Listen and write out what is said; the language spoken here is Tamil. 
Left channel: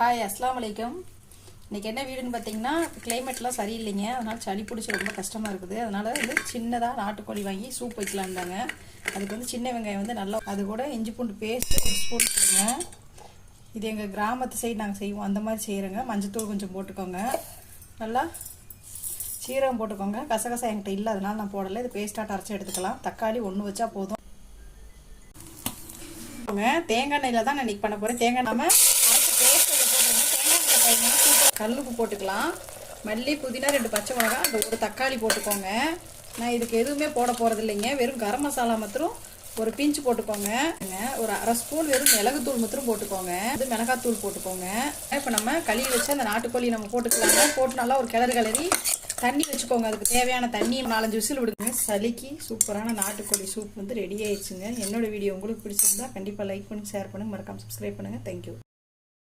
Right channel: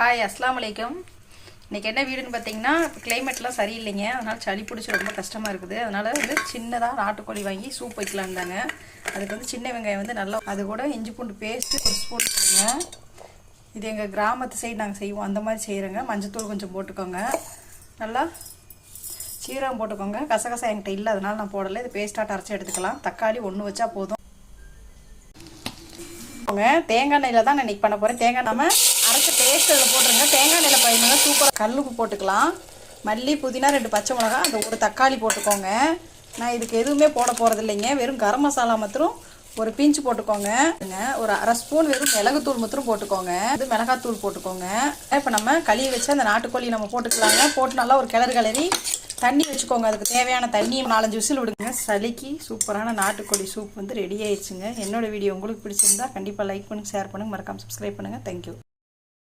ஹாய் அஸ்லாம் வலைக்கம். இன்றைக்கி என்ன வீடுன்னு பார்த்தீங்கன்னா, கிளைமேட்லாம் சரியில்லைங்க, அதனால் சளி பிடிச்சி ரொம்ப கஷ்டமாக இருக்குது. அதனால் வந்து சின்னதாக நாட்டுக்கோழி வாங்கி சூப் வைக்கலாம் தாங்க. அதுக்கு வந்து சின்ன வெங்காயம் வந்து நல்லா, அது கூட இஞ்சி பூண்டு பேஸ்ட்டு ஒரு ஸ்பூன் போடுங்க. இது எங்கள் கிராமத்து சைடு நாங்கள் செய்வோம், அந்த மாதிரி செய்கிறோங்க. மஞ்சத்தூள் கொஞ்சம் போட்டுக்கோங்க, நல்லா சீரகம் போட்டுக்கோங்க. கசகசா என்கிட்ட இல்லை, அதனால் நான் போடலை. இது பேஸ்ட்டாக அரைச்சி எடுத்துக்கலாம். தக்காளி ஒன்று வச்சா போதும். தேங்காய் எண்ணெயில் தான் நான் இன்றைக்கி பண்ண போகிறேன். தேங்காய் நம்ம அரைச்ச பேஸ்ட் அதில் போட்டுருங்க. தேங்காய் எண்ணெயில் பயனுங்க சூப்பராக. கல்லுப்பு போட்டுக்கலாம், மல்லி புதினா 2 பச்சை மிளகா, அந்த ஒரு தக்காளி போட்டுக்கோங்க. நான் இதுக்கு எதுவுமே போட போகிறது இல்லைங்க, வெறும் கரம் மசாலா மாத்திரம் ஒரு பிஞ்சு போட்டுக்கோங்க. ஒரு அரை ஸ்பூன் வெறும் மிளகுத்தூள் மாத்திரம் போட்டுக்கோங்க. இது மிளகாத்தூள் போட்டுக்கோங்க. இப்போ நம்ம கழுவி வச்சு அந்த நாட்டுக்கோழி நம்ம போட்டுக்கலாங்க. போட்டு நல்லா ஒரு கிளறி தண்ணி வச்சுக்கோங்க. அதுக்கு தேவையான தண்ணி 4-5 விசில் விடுங்க. சளிக்கு சூப்பரான நாட்டுக்கோழி சூப் வந்து ரெடி ஆயிடுச்சுங்க. என்னோட வீடியோ உங்களுக்கு பிடிச்சிருந்தா கண்டிப்பாக லைக் பண்ணுங்க, ஷேர் பண்ணுங்க, மறக்காம சப்ஸ்கிரைப் பண்ணுங்க. தேங்க்யூ.